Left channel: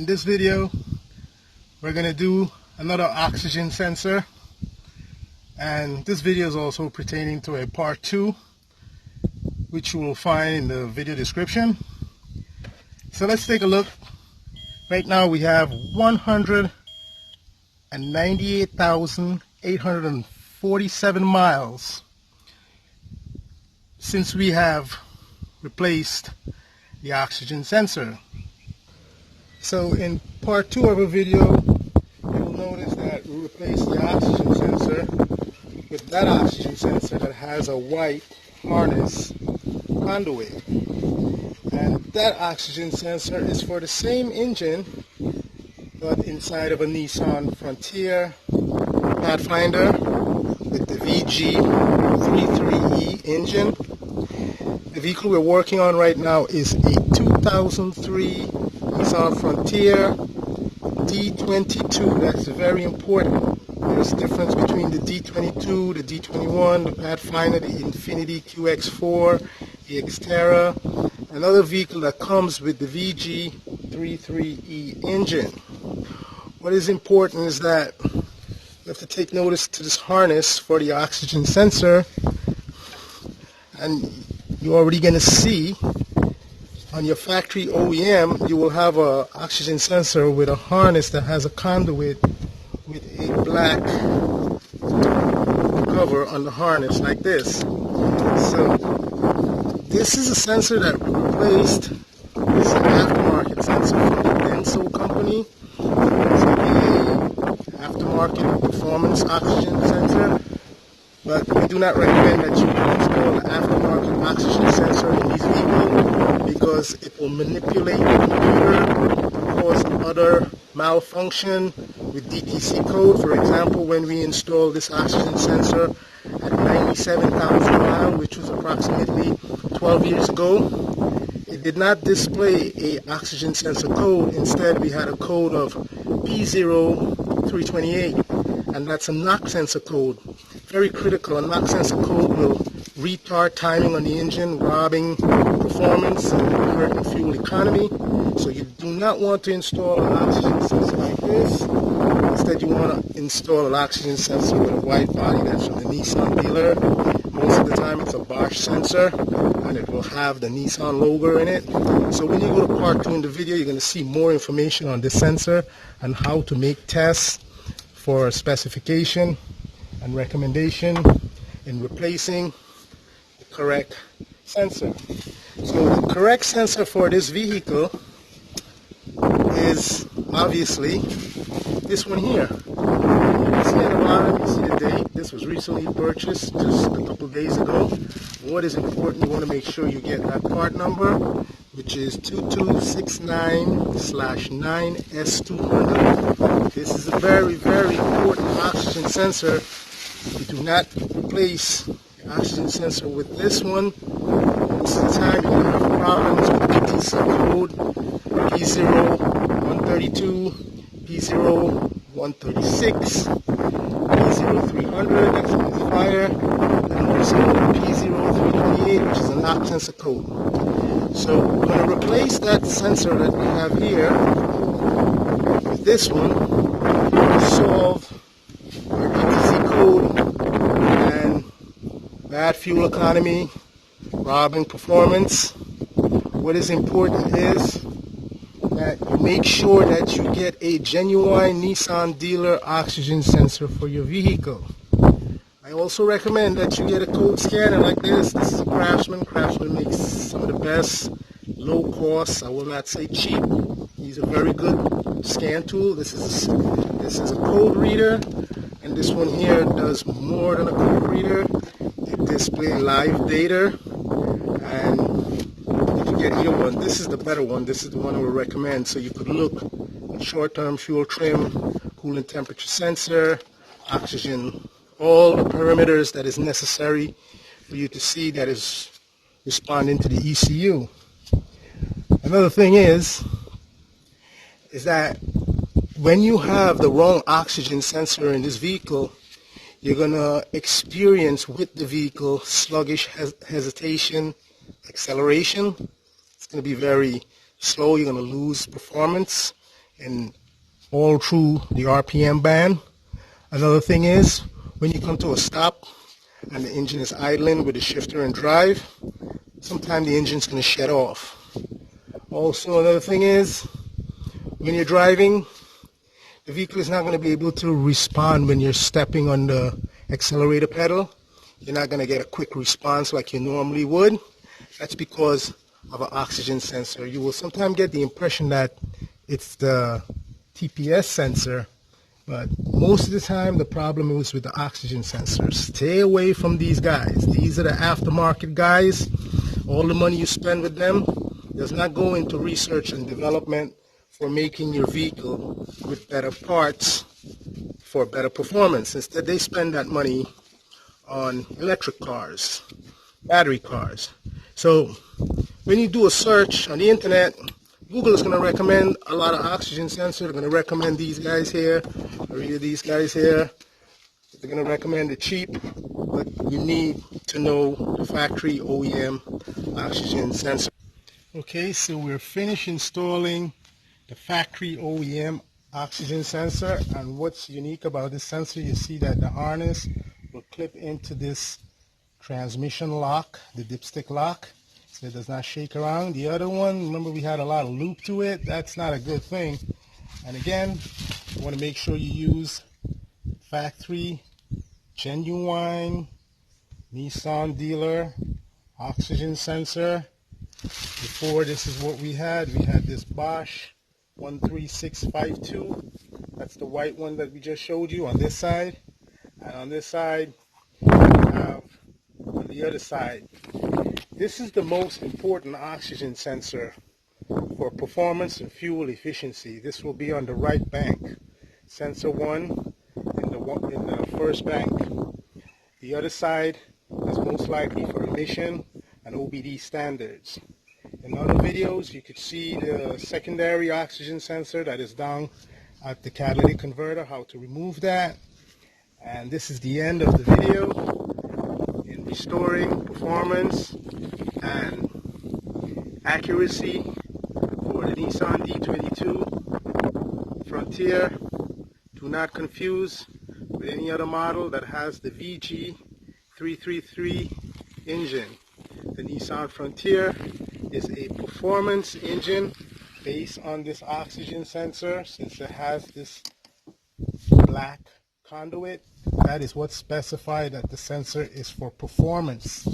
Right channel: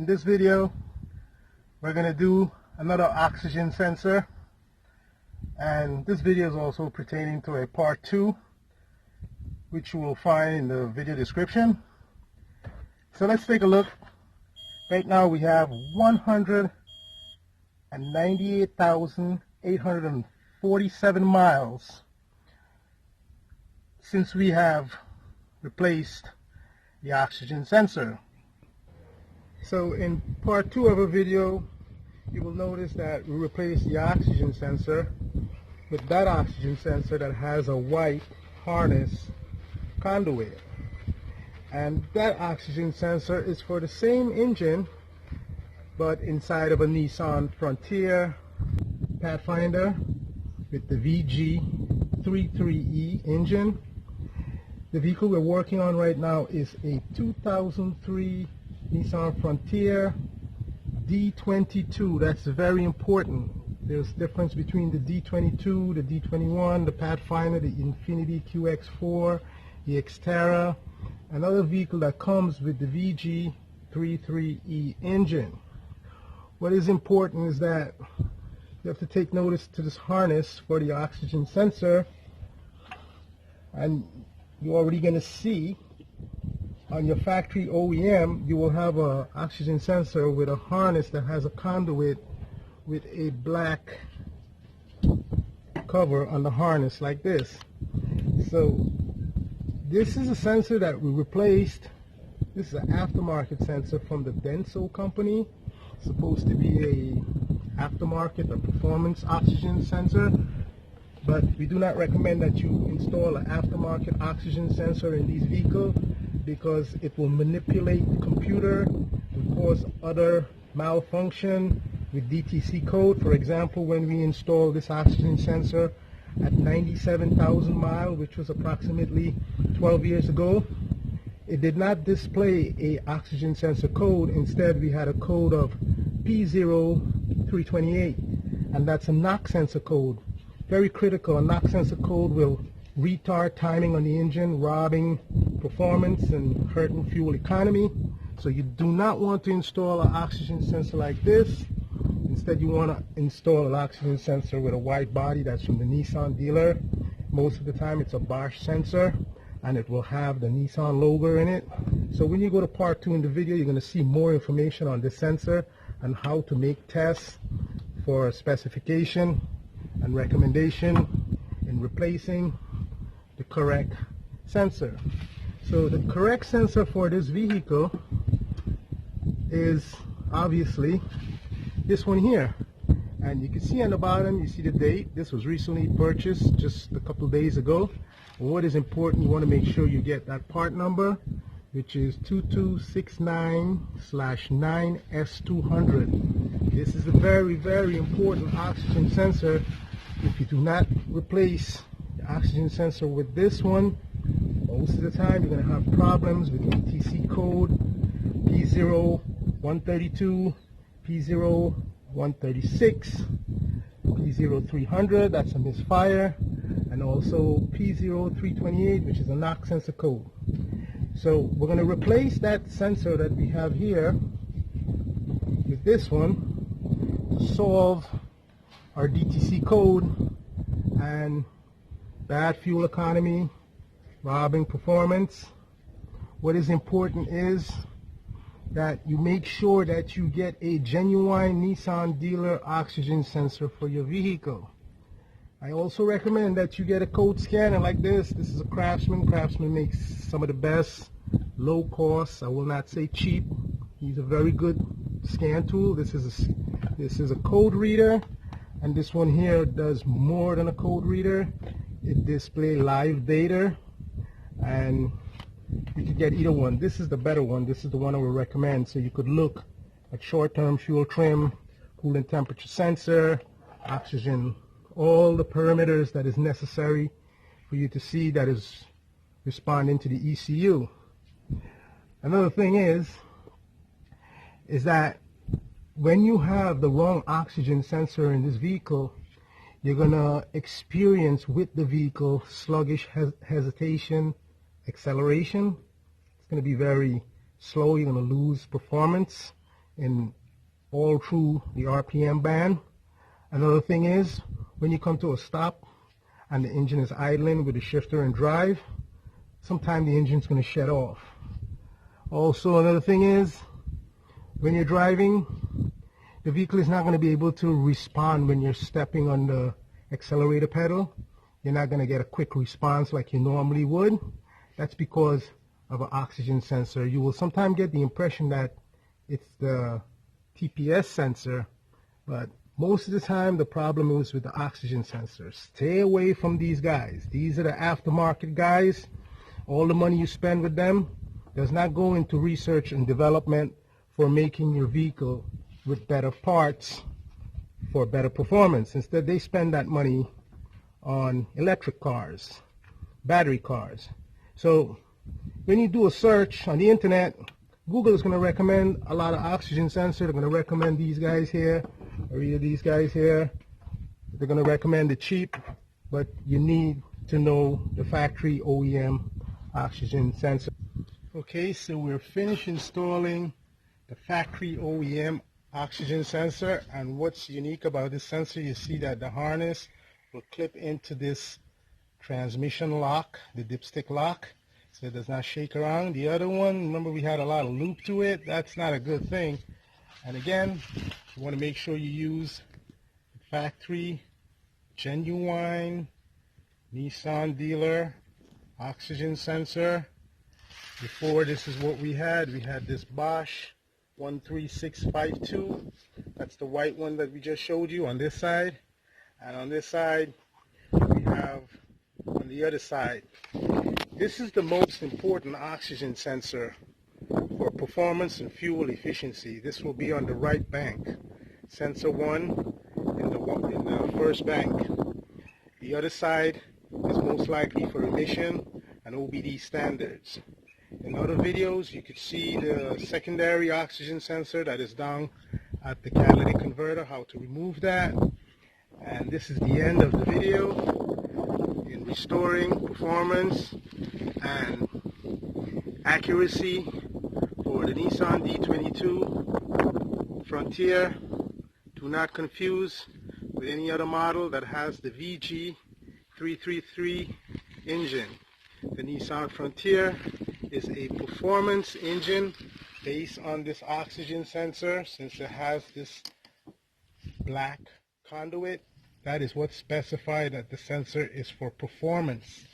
In this video, we're going to do another oxygen sensor, and this video is also pertaining to a part 2, which you will find in the video description. So let's take a look. Right now we have 198,847 miles since we have replaced the oxygen sensor. So in part 2 of our video, you'll notice that we replaced the oxygen sensor with that oxygen sensor that has a white harness conduit. And that oxygen sensor is for the same engine, but inside of a Nissan Frontier Pathfinder with the Vg33e engine. The vehicle we're working on right now is a 2003 Nissan Frontier D22. That's very important. There's a difference between the D22, the D21, the Pathfinder, the Infiniti QX4, the Xterra, another vehicle that comes with the Vg33e engine. What is important is that you have to take notice to this harness for the oxygen sensor, and you're already going to see on your factory OEM you will have a oxygen sensor with a harness that has a conduit with a black cover on the harness like this. So this is a sensor that we replaced. This is an aftermarket sensor from the Denso company. It's going to be an aftermarket performance oxygen sensor, but we do not recommend that you install an aftermarket oxygen sensor in these vehicles because it will manipulate the computer, cause other malfunction with DTC code. For example, when we installed this oxygen sensor at 97,000 miles, which was approximately 12 years ago, it did not display a oxygen sensor code. Instead, we had a code of P0328, and that's a knock sensor code. Very critical. A knock sensor code will retard timing on the engine, robbing performance and hurting fuel economy. So you do not want to install an oxygen sensor like this. Instead, you want to install an oxygen sensor with a white body that's from the Nissan dealer. Most of the time it's a Bosch sensor, and it will have the Nissan logo in it. So when you go to part 2 in the video, you're going to see more information on this sensor and how to make tests for specification and recommendation in replacing the correct sensor. So the correct sensor for this vehicle is obviously this one here. You see at the bottom, you see the date. This was recently purchased just a couple of days ago. What is important, you want to make sure you get that part number, which is 2269/9S200. This is a very, very important oxygen sensor. If you do not replace the oxygen sensor with this one, most of the time you're going to have problems with DTC code P0132, P0136, P0300, that's a misfire, and also P0328, which is a knock sensor code. So we're going to replace that sensor that we have here with this one to solve our DTC code and bad fuel economy, robbing performance. What is important is that you make sure that you get a genuine Nissan dealer oxygen sensor for your vehicle. I also recommend that you get a code scanner like this. This is a Craftsman. Craftsman makes some of the best, low cost, I will not say cheap. These are very good scan tool. This is a code reader, and this one here does more than a code reader. It displays live data, and you can get either one. This is the better one. This is the one I would recommend. So you could look at short-term fuel trim, coolant temperature sensor, oxygen, all the parameters that is necessary for you to see that is responding to the ECU. Another thing is that when you have the wrong oxygen sensor in this vehicle, you're going to experience with the vehicle sluggish hesitation, acceleration. It's going to be very slow. You're going to lose performance in all through the RPM band. Another thing is, when you come to a stop and the engine is idling with the shifter and drive, sometimes the engine's going to shut off. Also, another thing is, when you're driving, the vehicle is not going to be able to respond when you're stepping on the accelerator pedal. You're not going to get a quick response like you normally would. That's because of an oxygen sensor. You will sometimes get the impression that it's the TPS sensor, but most of the time the problem is with the oxygen sensors. Stay away from these guys. These are the aftermarket guys. All the money you spend with them does not go into research and development for making your vehicle with better parts for better performance. Instead, they spend that money on electric cars, battery cars. So when you do a search on the internet, Google is going to recommend a lot of oxygen sensors. They're going to recommend these guys here, or either these guys here. They're going to recommend the cheap, but you need to know the factory OEM oxygen sensor. Okay, so we're finished installing the factory OEM oxygen sensor, and what's unique about this sensor, you see that the harness will clip into this transmission lock, the dipstick lock, so it does not shake around. The other one, remember we had a lot of loop to it. That's not a good thing. And again, you want to make sure you use factory, genuine Nissan dealer oxygen sensor. Before, this is what we had. We had this Bosch O2. That's the white one that we just showed you on this side. And on this side, we have on the other side. This is the most important oxygen sensor for performance and fuel efficiency. This will be on the right bank. Sensor 1 in the first bank. The other side is most likely for emission and OBD standards. In other videos, you could see the secondary oxygen sensor that is down at the catalytic converter, how to remove that. And this is the end of the video in restoring performance and accuracy for the Nissan D22 Frontier. Do not confuse with any other model that has the Vg33e engine. The Nissan Frontier is a performance engine based on this oxygen sensor. Since it has this black conduit, that is what's specified, that the sensor is for performance.